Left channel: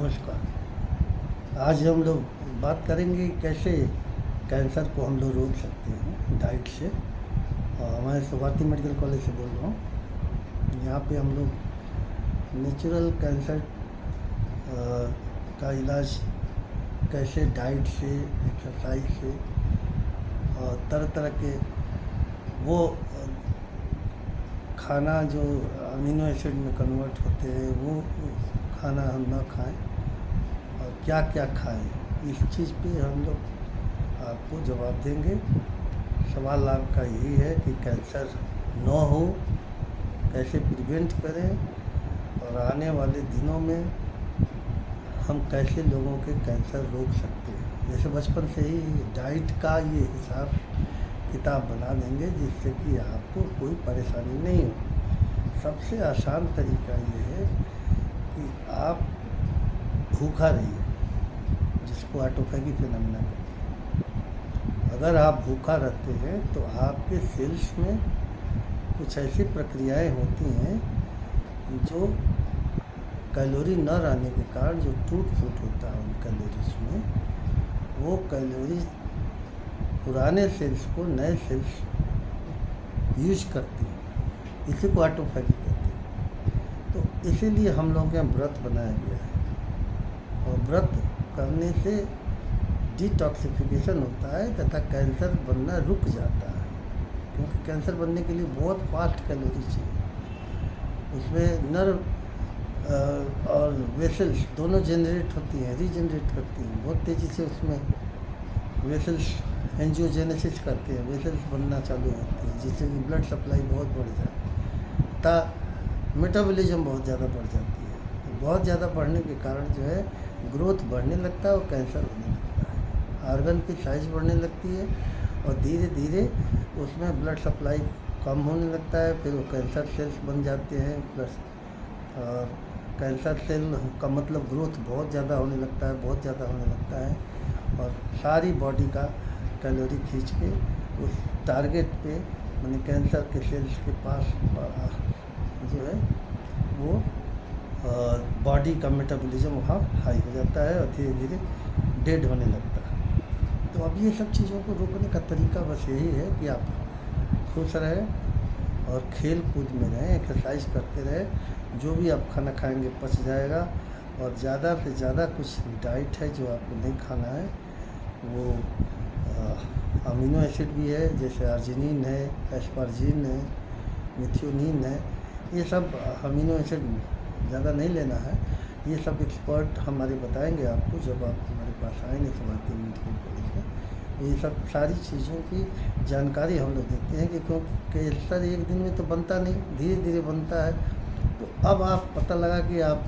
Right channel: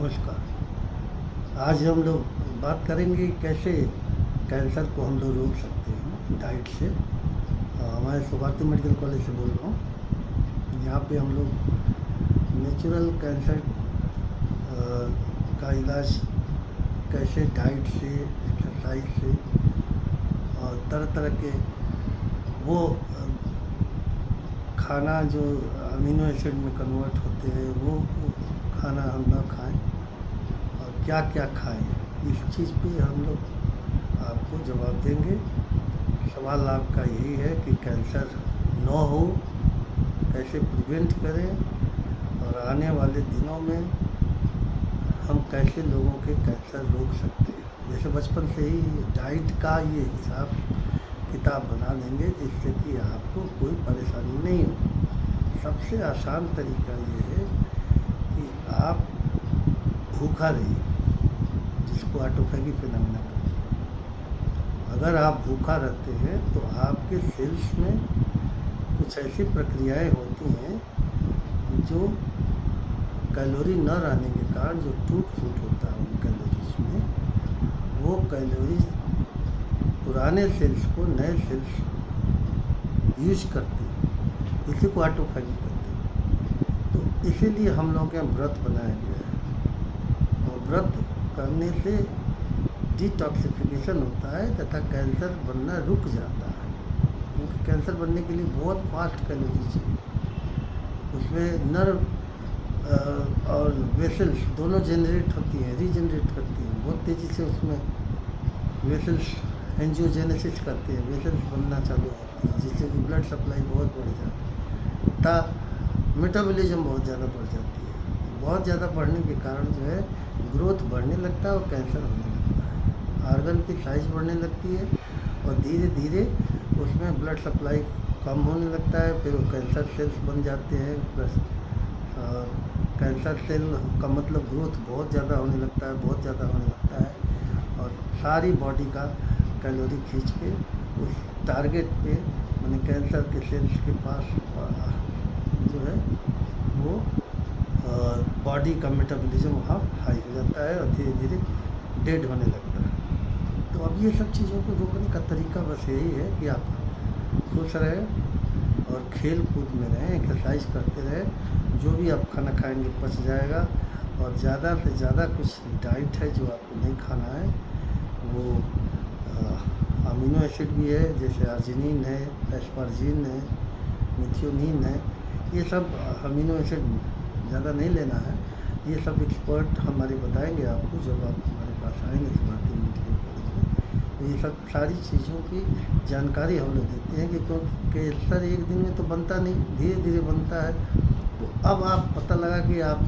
नमस्कार। आज हम लोग बात करेंगे कैसे कैंसर को हम लोग रोक सकते हैं डाइट से। मैं सुभाती मेडिकल कॉलेज से बोल रहा हूँ। यहाँ पे हम लोग नेचुरल कैंसर का इलाज कैसे डाइट से, एक्सरसाइज से और तरह तरह के वो खाना जो अमीनो एसिड में कन्वर्ट होते हैं वो खाना हम ना खाएं और क्या क्या खाएं, इस चीज़ पे हम लोग आपको जवाब देंगे। सवाल आपका यही है कि कैंसर न हो, कैसे प्रिवेंट करें और आने वाले दिनों में हम कैसे लोगों के कैंसर रोक सकते हैं। जैसे बचपन से ही डाइट का ये हिसाब किताब बना देंगे जिससे कि आपको कोई परेशानी नहीं हो। सबसे आसान तरीका ये है कि आप भूखा रहिए, जिसको ऑटोफैगी फिनोमेना कहते हैं। अगर आप भूखा रहते हैं तो आपके सेल्स में कुछ ऐसी प्रक्रियाएं होती हैं जो कैलोरी न रहने के कारण जो टूट फूट होता है उन कैलोरीज में, वो कैलोरीज पुराने सेल्स को नए सेल्स यूज करते हैं। इसी को ऑटोफैगी कहते हैं। तो इसीलिए हम लोगों के यहाँ व्रत बनाया गया है और व्रत करने से डिटॉक्सिफिकेशन होता है तथा कैंसर बनना रुक जाता है, क्योंकि कैंसर बनने के लिए बहुत फास्ट कैलोरी चाहिए। उसमें नर्व और वेसल्स दोनों जनरेट होती हैं, रीजनरेट करती हैं बहुत तेज़ी से। उसमें वेसल्स एंजियोजेनेसिस करते हैं, वेसल्स बनना चालू होती है जिससे कि ब्लड सप्लाई बहुत बढ़ जाता है, मेटाबॉलिज्म बहुत ज़्यादा बढ़ जाती है। बहुत ज़्यादा बढ़ने के कारण जो है ग्रोथ बढ़ने लगता है और कैंसर होने लगता है। आर्गन की साइज बढ़ने लगती है और धीरे धीरे उसमें ब्लड सप्लाई कम होने लगता है, फिर वो कैंसर सेल्स बन जाते हैं। प्लस कैंसर सेल का मतलब ग्रोथ बहुत ज़्यादा होने लगता है, बहुत ज़्यादा होने लगता है और सारी बॉडी का कैलोरी खींच के उस टारगेट पे, माने कैंसर के सेल्स के पास जो है वो बॉडी का मेटाबॉलिज्म वहाँ हाई हो जाता है और धीरे धीरे डेड होने लगता है। तो अब ये सब चीज़ों को रोकने का तरीका बस यही है कि आप खुश रहें और खेल कूद में रहें, एक्सरसाइज करते रहें। जो भी आप खाना खाएंगे पच जाएगा और ज़्यादा से ज़्यादा कुछ डाइट है जो आपको नहीं खाना है। वो अमीनो एसिड भी है, जैसे आर्जिनिन है, एस्पार्जिन है, मिथियोनिन है। ये सब अमीनो एसिड ज़्यादा नहीं लेना है। ये सब एक्सपर्ट हमारे बताएंगे आपको जब आप हमारे पास आएंगे सुभाती मेडिकल कॉलेज में। ये सब सारी चीज़ों की जानकारी हम लोग देते हैं कि क्योंकि कैंसर एक दिन में तो बनता नहीं, धीरे धीरे बनता है। तो अब आप पता लगा कि आप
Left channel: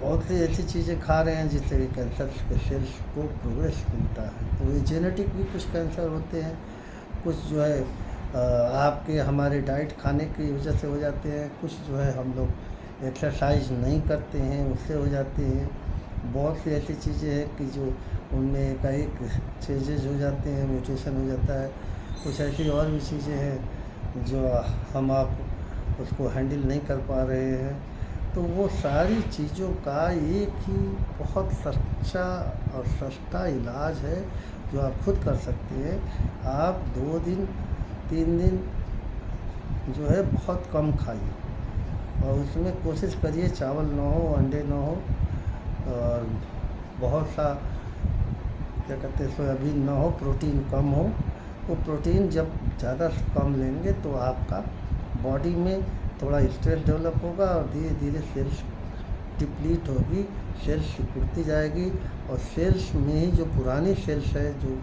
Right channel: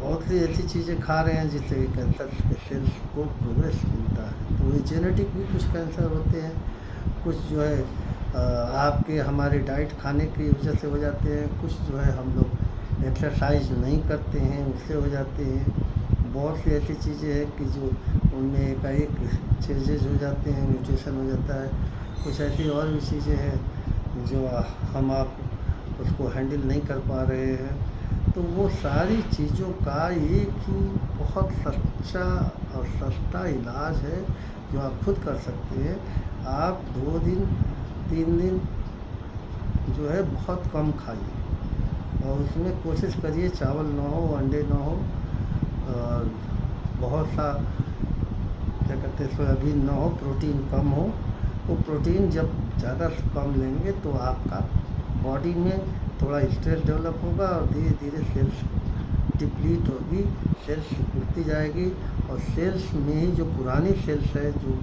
बहुत सी ऐसी चीज़ें खा रहे हैं जिससे कैंसर के सेल्स को प्रोग्रेस मिलता है। तो ये जेनेटिक भी कुछ कैंसर होते हैं, कुछ जो है आपके हमारे डाइट खाने की वजह से हो जाते हैं, कुछ जो है हम लोग एक्सरसाइज नहीं करते हैं उससे हो जाते हैं। बहुत सी ऐसी चीज़ें हैं कि जो उनमें एकाएक चेंजेज हो जाते हैं, म्यूटेशन हो जाता है। कुछ ऐसी और भी चीज़ें हैं जो हम आप उसको हैंडल नहीं कर पा रहे हैं। तो वो सारी चीज़ों का एक ही बहुत सच्चा और सस्ता इलाज है जो आप खुद कर सकते हैं। आप 2 दिन 3 दिन जो है बहुत कम खाइए और उसमें कोशिश करिए चावल ना हो, अंडे ना हो और बहुत सा क्या कहते हैं सोयाबीन ना हो, प्रोटीन कम हो। वो प्रोटीन जब ज़्यादा कम लेंगे तो आपका बॉडी में थोड़ा स्ट्रेस डेवलप होगा और धीरे धीरे सेल्स डिप्लीट होगी, सेल्स सिकुड़ती जाएगी और सेल्स में ही जो पुरानी सेल्स है जो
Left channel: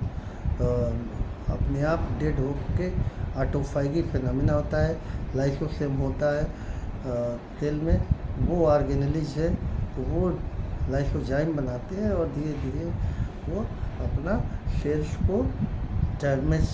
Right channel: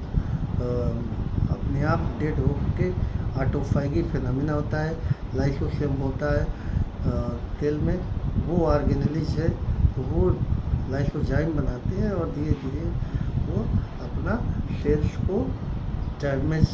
अपने आप डेड हो के ऑटोफैगी फिनोमेना होता है, लाइसोसोम होता है सेल में, वो ऑर्गेनेलिज है तो वो लाइसोजाइम बनाते हैं और धीरे धीरे वो अपना सेल्स को डैमेज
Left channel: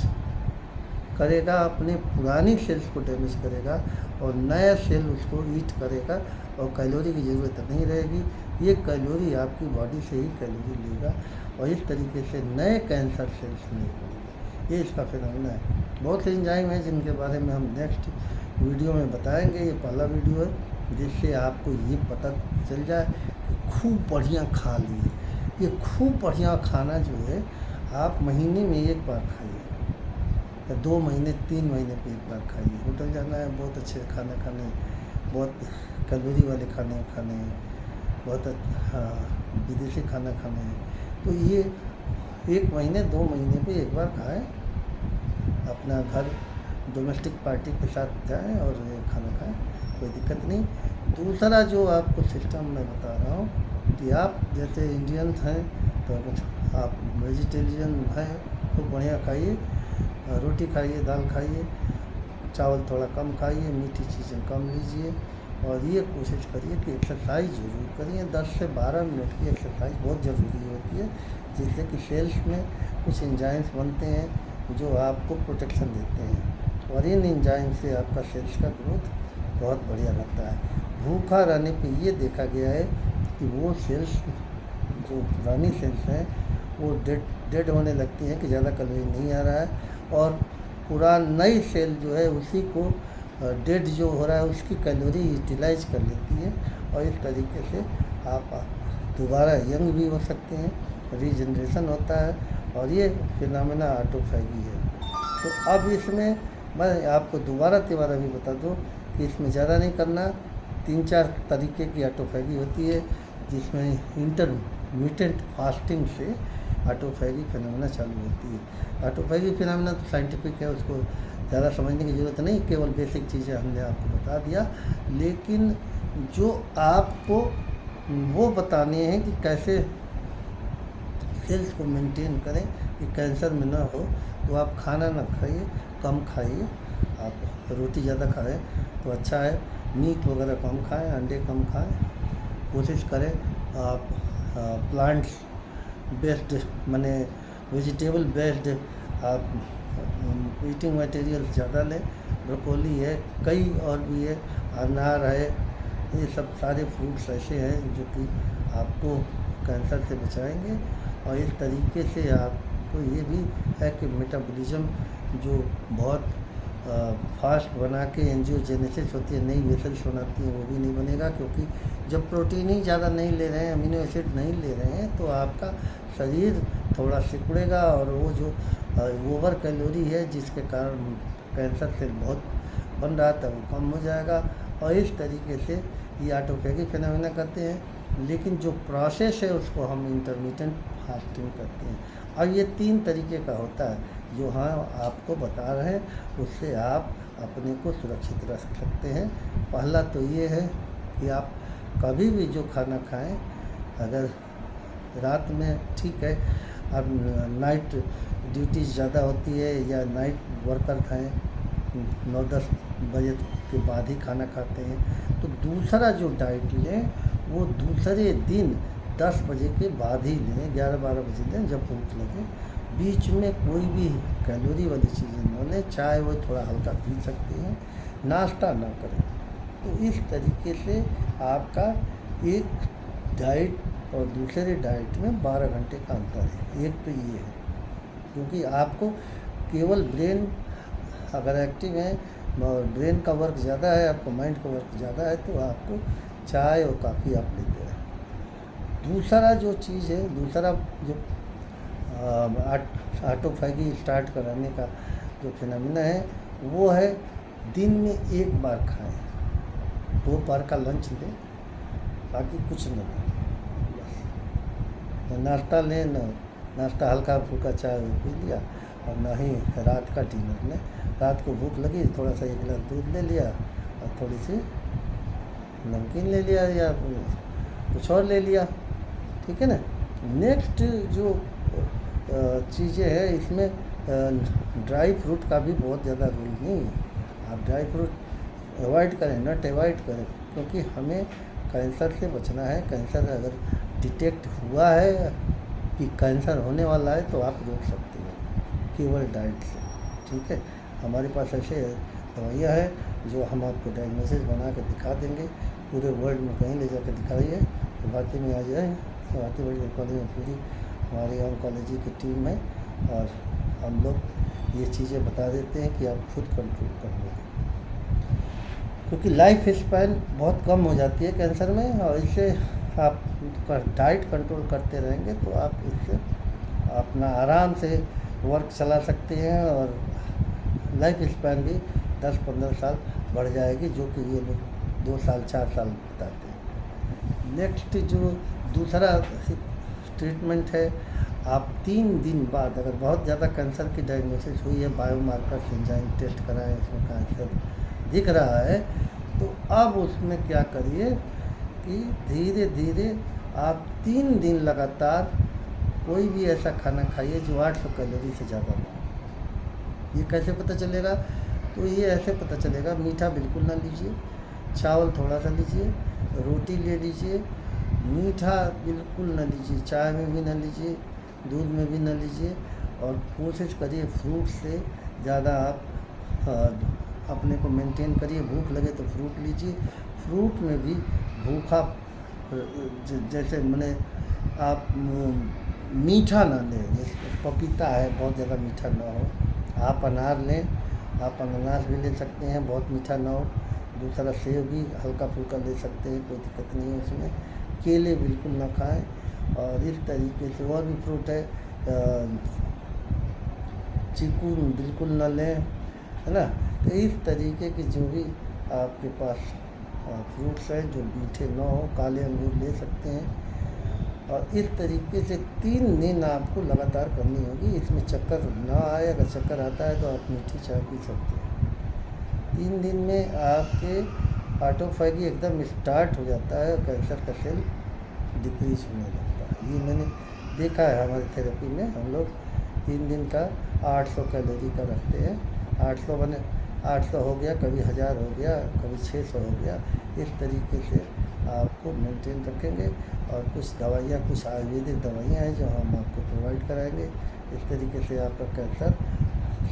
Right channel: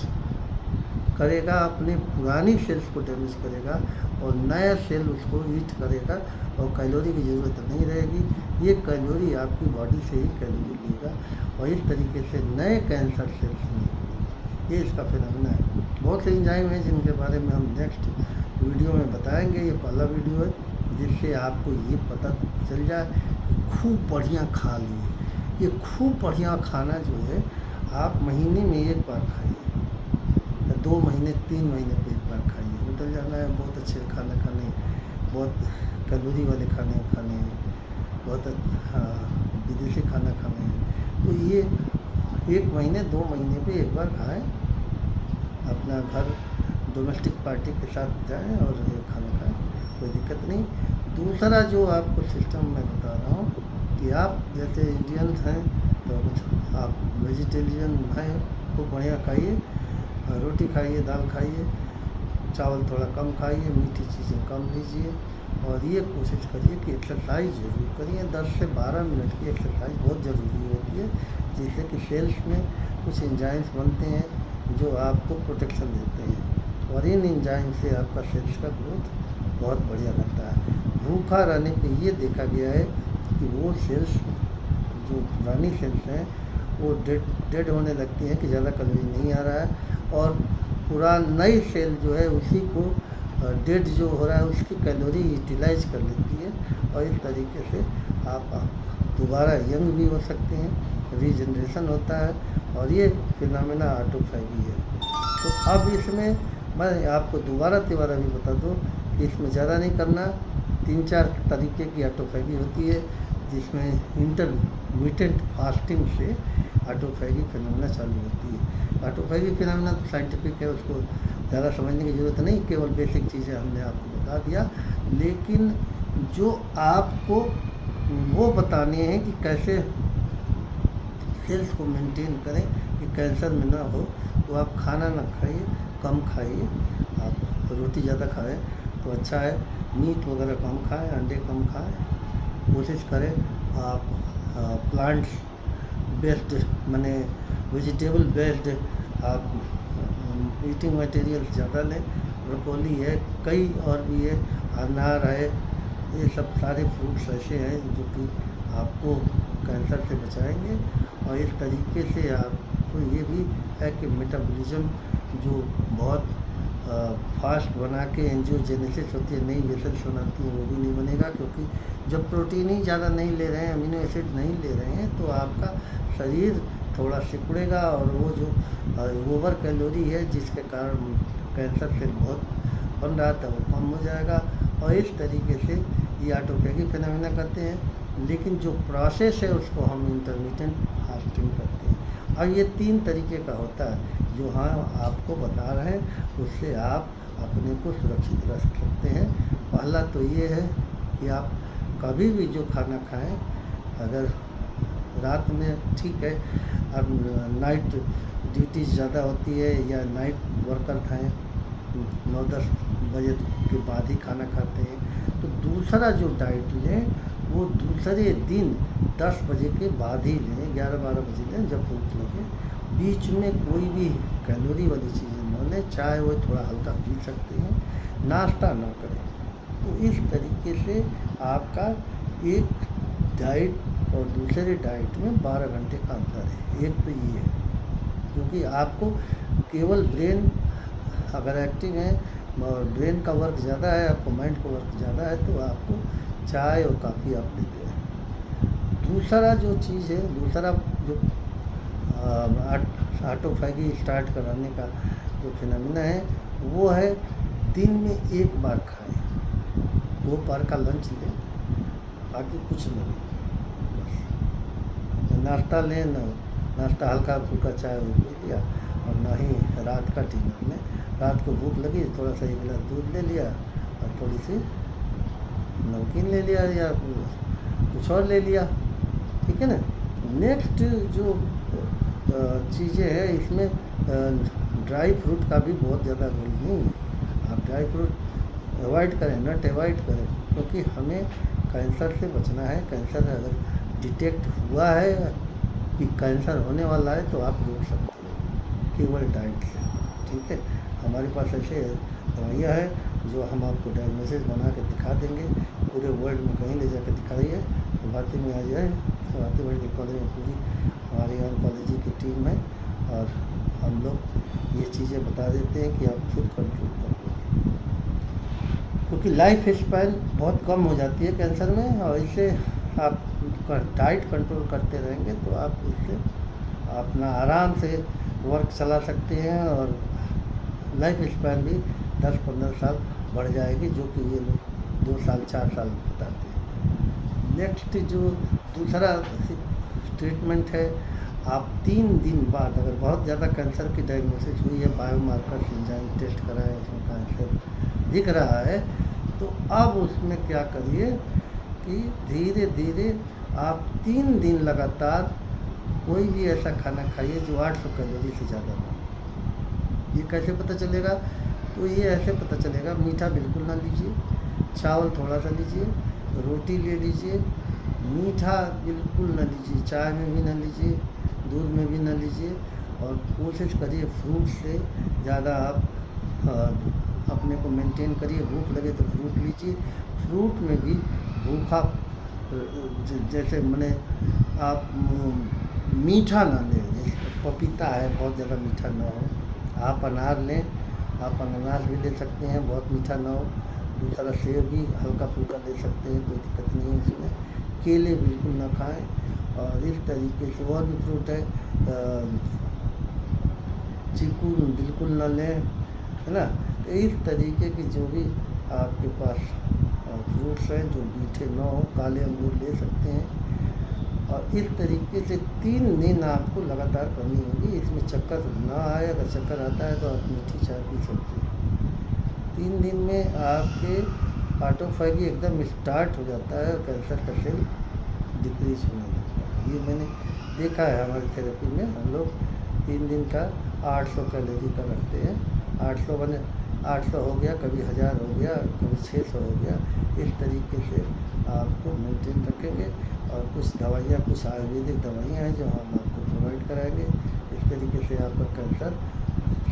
करेगा, अपने पुरानी सेल्स को डैमेज करेगा और नया सेल उसको ईट करेगा और कैलोरी की ज़रूरत नहीं रहेगी। ये कैलोरी आपकी बॉडी से ही कैलोरी लेगा और इस तरीके से नए कैंसर सेल्स नहीं बनेंगे। ये इसका फिनोमेना है। बहुत से एंजाइम हैं जिनके बारे में हम नेक्स्ट वीडियो में बताएंगे। ये पहला वीडियो है। जिससे आपको ये पता चल जाए कि खूब बढ़िया खा लिए। ये खूब बढ़िया खाना जो है आप महीने में एक बार खाइए या 2 महीने 3 महीने पे एक बार खाइए। होटल जाना है बहुत अच्छे खाना खाने, बहुत कैलोरी वाले खाने खाने, बहुत विदेशी खाना खाने हैं, तो ये 1 महीने 2 महीने पे एक बार खाएं। अपना घर डोमेस्टिक पार्टी के साथ जाएं और ये खाना खाएं, कोई दिक्कत नहीं। दूसरा जो आपको सिस्टम मैं बता रहा हूँ कि आप जैसे इंडियंस हैं तो आप वेजिटेरियन हैं, खूब बढ़िया खाइए, रोटी खाइए, दाल खाइए, चावल थोड़ा कम खाइए, मीठी चीज़ें कम लीजिए और ये कोशिश करिए कि एक्सरसाइज ज़रूर करिए। 10 से 12 मिनट की एक्सरसाइज बहुत ज़रूरी होती है, जिससे कि सेल्स में कुछ एंजाइम्स बनते हैं जो आपको प्रोटेक्शन देते हैं और इन एंजाइम से आपका सेल्स का ग्रोथ बहुत बढ़िया रहता है। भूखा रहने पे ये देखा गया है कि वो सेल्स जो पुरानी सेल्स हैं वो डेड होने लगती हैं कि ज़्यादा कैलोरी नहीं आ रहा है, और नई सेल जो है उसी को डेड जो हो रहा है उसकी कैलोरी यूटिलाइज कर लेती है और इस तरीके से आप दोबारा यंग भी हो सकते हैं, रीजनरेशन होता है और ये फिनोमेना ऑटोफैगी है। तो अब इसमें मैं आपको दोबारा भी बता दूं कि इसमें ज़्यादा नहीं करना। 3-4 तरीके की ऑटोफैगी होती है, जिसमें इंटरमिटेंट फास्टिंग से ऑटोफैगी फिनोमेना चालू होती है। ऑटोफैगी फिनोमेना तो साइंटिफिक है, उसको ज़्यादा समझने की ज़रूरत नहीं, केवल बेसिक चीज़ें हमने आपको बता दिया। लेकिन जो आपको वो बताने हैं कि कैसे सेल्स को मेंटेन करें कि कैंसर में ना हो, तो आप खाना ना खाइए, कम खाइए। आप रोटी ज़्यादा खाएं तो अच्छा है, मीट वगैरह कम खाएं, अंडे कम खाएं, कोशिश करें आप प्लांट्स बेस्ड माने वेजिटेबल बेस्ड आप ईटिंग मटेरियल ज़्यादा लें। ब्रोकोली है, कई और भी है, अनार है, ये सब सारे फ्रूट्स ऐसे हैं जो कि आपको कैंसर से बचाएंगे। और इस तरीके से आपको ये भी है कि मेटाबॉलिज्म जो बहुत फास्ट बना के एंजियोजेनेसिस होती है, नई वेसल्स बनाती हैं, वो भी नहीं बनेगा, क्योंकि जब प्रोटीन ही ज़्यादा नहीं ले रहे हैं, अमीनो एसिड नहीं ले रहे हैं, तो आपका शरीर थोड़ा सिकुड़ेगा और वो जो ओवर कैलोरी है जिसके कारण कैंसर सेल बहुत बन रहा था वो कम हो जाएगा। और इस तरीके से ये ऑटोफैगी फिनोमेना करते हैं। लेकिन जो प्रोसेस है उसको हम इंटरमिटेंट फास्टिंग करते हैं और ये 3 तरीके का होता है जो हम आपको बता रहे हैं, उससे आप अपने को सुरक्षित रख सकते हैं। पहला तो ये है कि आप कभी भी जो खाना खाएं, अगर रात में ठीक है, अब नाइट ड्यूटी ज़्यादा होती है या नाइट वर्कर हैं, 9-10 बजे के बाद ही खाना खाते हैं, तो दूसरा जो डाइट लें वो दूसरे दिन 10 बजे के बाद ही लें, 11-12 बजे लें जब भूख लगे। बीच में कोई भी कैलोरी वाली चीज़ें न लें, चाय वो थोड़ा हल्का पी सकते हैं, नाश्ता ना करें। तो इस तरीके से आपका एक डाइट और दूसरे डाइट में 12 घंटे का अंतर है। एक तो ये है, क्योंकि आपको केवल ब्रेन अगर एक्टिव है और ब्रेन का वर्क ज़्यादा है, आपको माइंड का वर्क ज़्यादा है, तो आपको चाय और काफ़ी आप लेते हैं। दूसरा जो चीज़ है, दूसरा जो ऑटोफैगी स्टार्ट कराने का जो फिनोमेना है वो है दिन में एक बार खाएं, 2 बार का लंच लें, बाकी कुछ न लें, बस नाश्ता लें, नाश्ता हल्का फुल्का चाय पी लिया और ना ही रात का डिनर में। रात को भूख लगी, थोड़ा सा 1 गिलास दूध ले लिया और थोड़ी सी नमकीन ले लिया या कुछ और ले लिया, ठीक है ना। नेक्स्ट जो चीज़ें हैं इसमें ड्राई फ्रूट का भी बहुत ज़्यादा रोल नहीं है। आप ड्राई फ्रूट अवॉइड करें, नट अवॉइड करें, क्योंकि हमें कैंसर से बचना है। कैंसर अगर डिटेक्ट हुआ है कि कैंसर होने वाला है तो आप रोक सकते हो केवल डाइट से, ठीक है। हमारे पास ऐसे दवाइयाँ हैं जो हम आपको डायग्नोसिस बना कर दिखा देंगे, पूरे वर्ल्ड में कहीं ले जाकर दिखाइए, तो भारती में आ जाए। भारती मेडिकल कॉलेज में पूरी हमारी ऑन्कोलॉजी की टीम है और हम लोग ये चीज़ें बता देते हैं कि आप खुद कंट्रोल कर लोगे। क्योंकि लाइफ स्पैन बहुत कम हो जाती है कैंसर में, और इससे आप डाइट कंट्रोल करते रहेंगे तो आप इससे अपना आराम से वर्क चला सकते हैं, और लाइफ स्पैन भी 10-15 साल बढ़ जाएगी, जो कि ये लोग 2 साल 4 साल बताते हैं। नेक्स्ट जो दूसरा ट्रीटमेंट है, आप 3 दिन बाद अगर बहुत ज़्यादा कैंसर की डायग्नोसिस हुई है, बायोमार्कर एंजाइम टेस्ट कराएं, इसमें कैंसर दिख रहा है, तो अब उसमें क्या करिए कि धीरे धीरे आप 3 दिन लगातार कोई भी ऐसा खाना खाइए जो 800 कैलोरी से ज़्यादा ना हो। ये कैसे पता चलेगा? तो ये ऐसे पता चलेगा, मीठा बिल्कुल ना लीजिए, चावल थोड़ा सा लीजिए, रोटी ले लीजिए, मीठा बिल्कुल ना लीजिए, चाय में भी ना लीजिए, दूध में भी ना लीजिए, और कोशिश करिए फ्रूट से ज़्यादा आप अपने को मेंटेन करिए। भूख लगे तो फ्रूट लीजिए, फ्रूट में भी भूखा जैसे मैंने आप मीठा ना लें, जैसे पपीता है बहुत ज़्यादा मीठा ना हो, आप अनार लें, आप अनानास भी ले सकते हैं, बहुत मीठा ना हो। दूसरा सेब भी हल्का फुल्का ले सकते हैं, कोई दिक्कत नहीं है इसमें। केले बिल्कुल ना खाएं, और इस तरीके से और भी फ्रूट है, चीकू बिल्कुल ना लें, है ना। तो इस तरीके की जो भी आपके पास फ्रूट्स हैं जो मीठे ना हो, काले अंगूर ले सकते हैं, और इस तरीके से 3 दिन आपको लगातार करनी होगी। इसमें चक्कर ना आए, अगर चक्कर आता है तो आप मीठी चाय पी सकते हैं। 3 दिन में आपके ऑटोफैगी एकदम स्टार्ट हो जाता है, कैंसर का सेल डिक्रीज होने लगता है। ये मैंने देखा है हमारी थेरेपी में, हम लोग 3 दिन का 800 कैलोरी का रखते हैं। 800 बने 800 हो गया, कभी 1000 हो गया, कभी 600 हो गया। इस तरीके से आपको मेंटेन रखेंगे, और कुछ दवाइयाँ, कुछ आयुर्वेदिक दवाइयाँ हैं जो हम आपको प्रोवाइड कराएंगे। इस तरीके से आपका कैंसर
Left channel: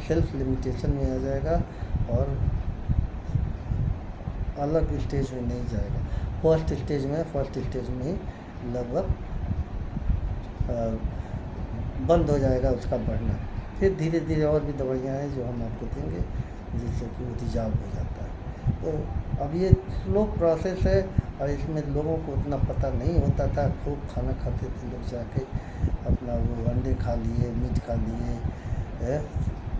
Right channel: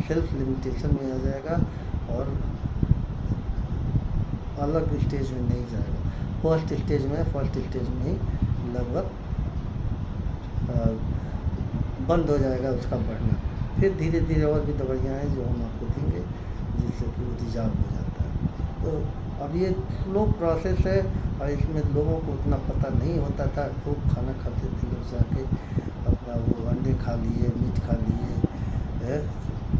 सेल्फ लिमिटेशन में आ जाएगा, और अलग स्टेज में नहीं जाएगा। फर्स्ट स्टेज में ही लगभग बंद हो जाएगा उसका बढ़ना। फिर धीरे धीरे और भी दवाइयाँ हैं जो हम आपको देंगे, जिससे कि वो रिजॉल्व हो जाता है। तो अब ये स्लो प्रोसेस है, और इसमें लोगों को उतना पता नहीं होता था। खूब खाना खाते थे लोग, जाके अपना वो अंडे खा लिए, मीट खा लिए,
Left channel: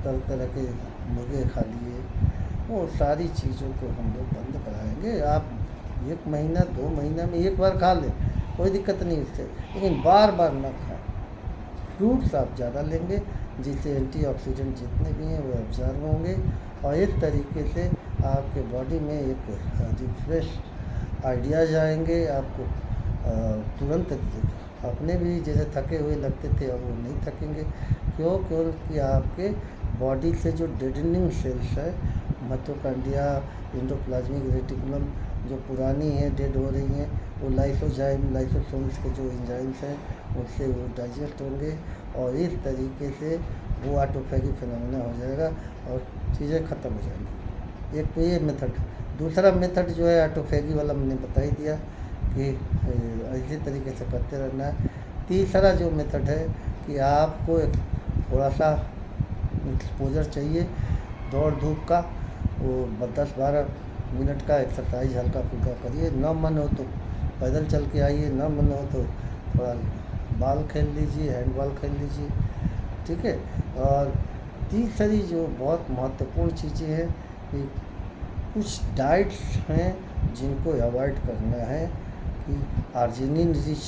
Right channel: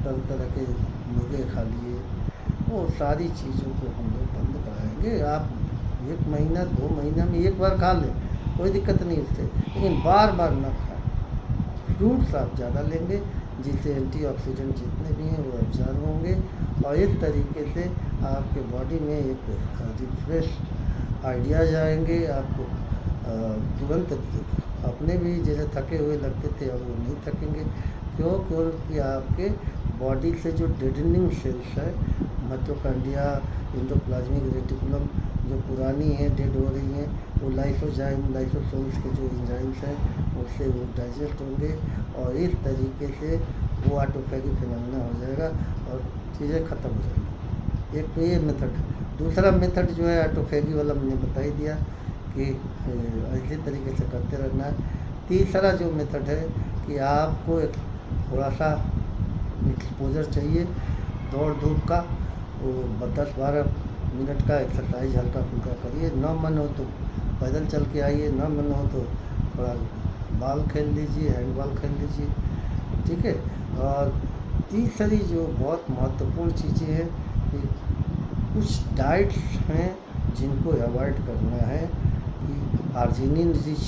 तरह तरह के मुर्गे खा लिए, वो सारी चीज़ों को हम लोग बंद कराएंगे। आप 1 महीना 2 महीना में 1 बार खा लें, कोई दिक्कत नहीं उससे, लेकिन बार बार ना खाएं। फ्रूट्स आप ज़्यादा लेंगे, जिससे एंटीऑक्सीडेंट जितने भी हैं वो एब्जॉर्ब होंगे, और इस तरीके से आपके बॉडी में एक रिफ्रेश आइडियाज़ आएंगे। आपको तुरंत अपने भी जैसे थके हुए लगते थे, अब वो नहीं थकेंगे। क्योंकि आपके बॉडी से जो डेडनिंग सेल्स है, माइटोकॉन्ड्रिया, एंडोप्लाज्मिक रेटिकुलम, जो पुरानी हैं, डेड हो रही हैं, वो लाइसोसोम्स के जो एंजाइम्स हैं उससे वो डाइजेस्ट होंगे, और इस तरीके से वो ऑटोफैगी फिनोमेना हो जाएगा, और चीज़ें ख़त्म हो जाएंगी। एक तो ये मेथड। दूसरा मेथड जो है ऑटोफैगी वाला, मैंने बता ही दिया कि इसी तरीके से करते रहना है। तीसरा जो मेथड है कि आपको एक थोड़ा सा एक्सपोजर चाहिए, दौड़ धूप का, वो 10-12 मिनट का एक्सरसाइज हल्का फुल्का करिए। ना मन हो तो पैदल चल के आइए, ना मन हो तो थोड़ा बॉल खेल लीजिए, हैंडबॉल खेल लीजिए, ठीक है। और तीसरी जो बहुत महत्वपूर्ण चीज़ें हैं कि कुछ डाइट्स हैं जिनको अवॉइड करना है, कि आर्जिनिन रिच,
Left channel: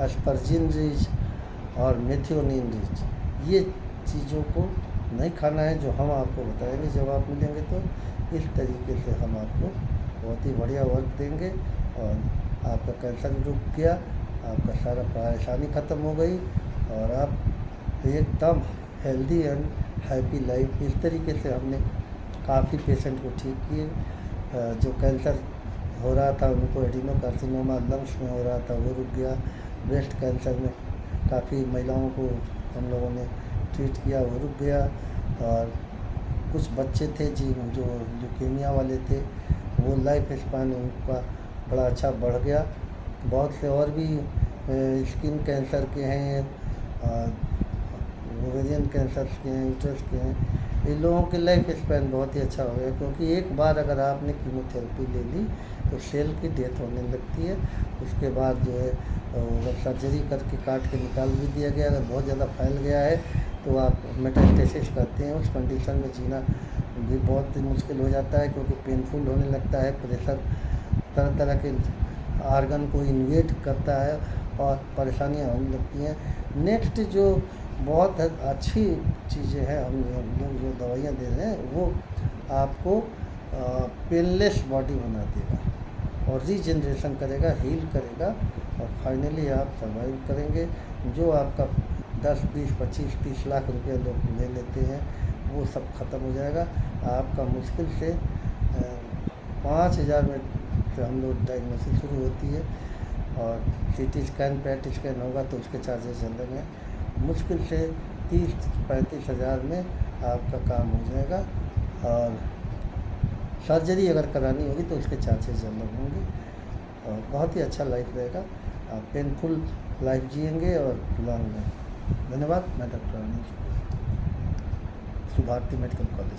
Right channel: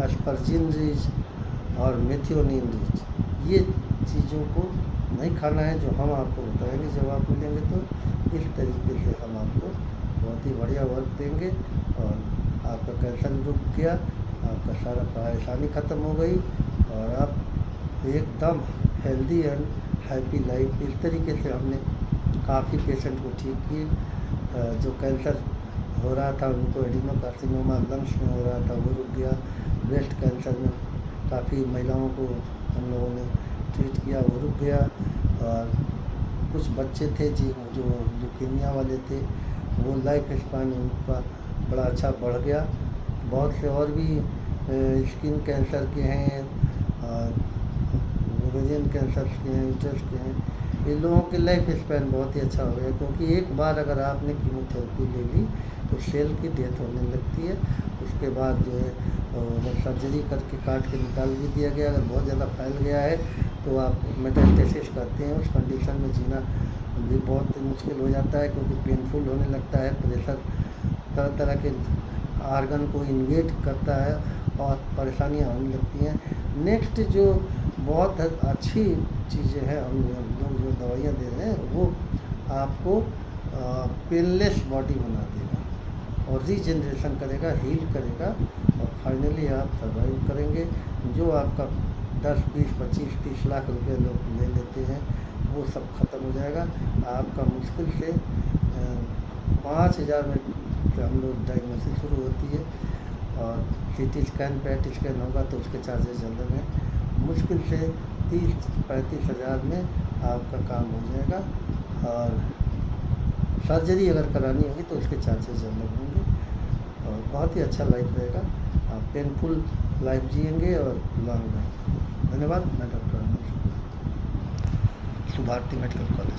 एस्परजिन रिच और मेथियोनिन रिच, ये चीज़ों को नहीं खाना है, जो हम आपको बताएंगे जब आप मिलेंगे। तो इस तरीके से हम आपको बहुत ही बढ़िया वर्क देंगे, और आपका कैंसर भी रुक गया, आपका सारा परेशानी ख़त्म हो गई, और आप एकदम हेल्दी एंड हैप्पी लाइफ। इस तरीके से हमने काफ़ी पेशेंट को ठीक किए। जो कैंसर हो रहा था उनको, एडिनोकार्सिनोमा लंग्स में हो रहा था, वो रुक गया। ब्रेस्ट कैंसर में काफ़ी महिलाओं को हम लोगों ने ट्रीट किया, वो रुक गया। और कुछ बच्चे थे जो ल्यूकेमिया वाले थे, वो लाइफ स्पैन उनका बड़ा अच्छा बढ़ गया। बहुत से और भी स्किन कैंसर के हैं, ओवेरियन कैंसर के हैं, यूट्रस के हैं। इन लोगों की लाइफ स्पैन बहुत ही अच्छा हो गया, क्योंकि एक बार अगर आपने कीमोथेरेपी ले ली तो सेल की डेथ होने लगती है। उसके बाद जो है अगर सर्जरी करके काट के निकाल भी दिया गया, अगर बहुत ज़्यादा फैल गया है तो आप मेटास्टेसिस करते हैं। उस कंडीशन में जीना भी बहुत मुश्किल हो जाता है, क्योंकि पेनफुल होने लगता है, प्रेशर तरह तरह के आर्गन को इन्वेट करता है और परेशानियाँ होने लगती हैं। नेक्स्ट जो बहुत अच्छी चीज़ें हैं, हम लोग जो दवाइयाँ दे रहे हैं वो आपको पेनलेस बॉडी बना देगा और रीजनरेशन करेगा, हील करेगा और फाइनली आप सर्वाइव करेंगे। जो आपका 10, 20, 25, 30 लाख रुपए लोग ले लेते हैं वो सब ख़त्म हो जाएगा। आपका मुश्किल से 5,000 में से हम लोग डायग्नोसिस शुरू होती है और CT स्कैन, PET स्कैन होगा तो उसके चार्जेस अलग हैं। मुश्किल से 30-35 हज़ार में आपका काम हो जाएगा और सर्जरी अगर करानी होगी तो उसके चार्जेस अलग होंगे और बहुत ही अच्छा लाइफ रहेगा। आप पेनफुल लाइफ जिएंगे और लॉन्ग लाइफ। धन्यवाद। मैं डॉक्टर आनंद, सुभारती मेडिकल कॉलेज।